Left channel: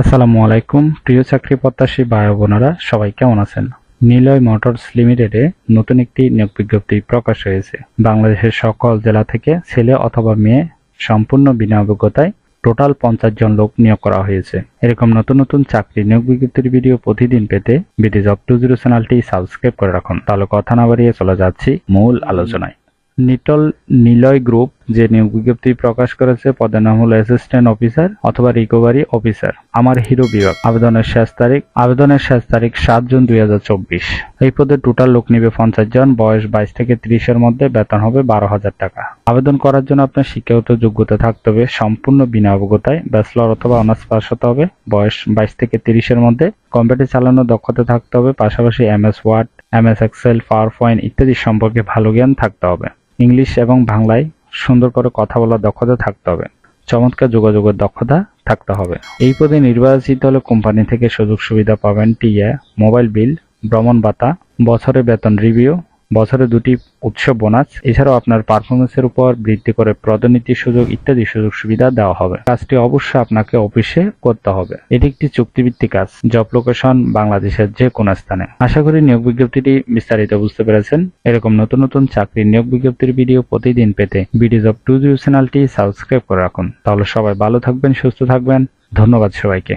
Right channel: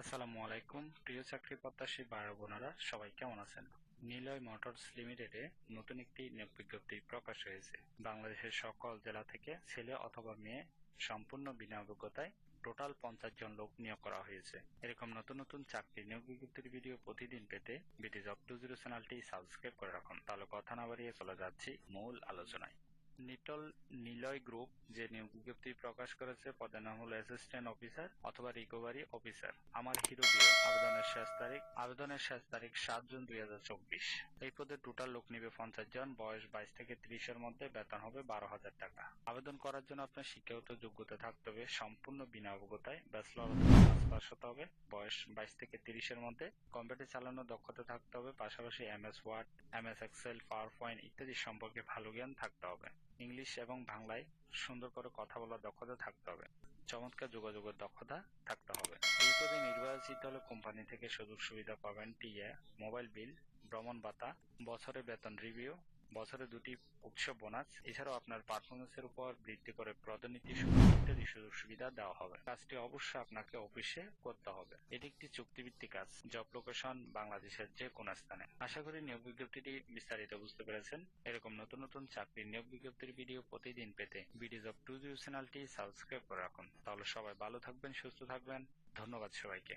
আসসালামু আলাইকুম প্রিয় চাকরি প্রত্যাশী ভাই ও বোনেরা, সবাই কেমন আছেন? নিলয় মোটরস লিমিটেডে নতুন একটি নিয়োগ বিজ্ঞপ্তি প্রকাশ হয়েছে। বাংলাদেশের সকল জেলা থেকে ছেলে অথবা মেয়ে সম্পূর্ণ বিনা অভিজ্ঞতায় টোটাল 50 জন লোক নিয়োগ করা হয়েছে। এরকম নতুন নতুন চাকরি নিয়োগ বিজ্ঞপ্তির ভিডিও প্রতিদিন পেতে বিডি জব 20 চ্যানেলটি সাবস্ক্রাইব করে রাখুন। তাহলে কথা না বাড়িয়ে চলে যাচ্ছি মূল আলোচনায়। নিলয় গ্রুপ যে নিয়োগ বিজ্ঞপ্তি প্রকাশ করেছে, পদের নাম হলো অ্যাসিস্ট্যান্ট অফিসার অথবা রিকভারি অফিসার, আমার হিরো বিভাগ। আবেদনের শেষ তারিখ 7 জুন 2024। এই পদে টোটাল লোক নিবে 50 জন। বয়স 22 থেকে 30-এর মধ্যে। বেতন হবে 12,000 টাকা। আবেদন করার জন্য আপনার শিক্ষাগত যোগ্যতা থাকতে হবে সম্পূর্ণ বিনা অভিজ্ঞতায় ব্যাচেলর অথবা অনার্স পাস হতে হবে। বয়স 22 থেকে 30-এর মধ্যে। কম্পিউটার চালানোর দক্ষতা থাকতে হবে। পাশাপাশি MS Word, MS Excel, PowerPoint ইত্যাদি সম্পর্কে ভালো জ্ঞান থাকতে হবে। ইংলিশ এবং বাংলায় সুন্দর করে কথা বলার দক্ষতা থাকতে হবে। চমৎকার যোগাযোগের দক্ষতা থাকতে হবে। এই পদে নির্বাচিত হলে কোম্পানি থেকে সুযোগ সুবিধা পাবেন: টিএ, মোবাইল বিল, ভ্রমণ ভাতা, বছরে বেতন রিভিউ, বছরে 2টি উৎসব বোনাস। এছাড়াও আপনার পারফরমেন্সের উপর ভিত্তি করে পদোন্নতির সুযোগ ইত্যাদি সুযোগ সুবিধা দেওয়া হবে। কাজটি অবশ্যই আপনাকে অফিসে করতে হবে। এটি একটি চুক্তিভিত্তিক কাজ। জব লোকেশন বাংলাদেশের যে কোনো স্থানে। আশা করি নিয়োগ বিজ্ঞপ্তিটি বিস্তারিত বুঝতে পেরেছেন। এরকম নতুন নতুন চাকরির নিয়োগ বিজ্ঞপ্তির ভিডিও প্রতিদিন পেতে বিডি জব 20 চ্যানেলটি সাবস্ক্রাইব করে রাখুন। তাহলে সবাই ভালো থাকবেন, সুস্থ থাকবেন। ধন্যবাদ সবাইকে।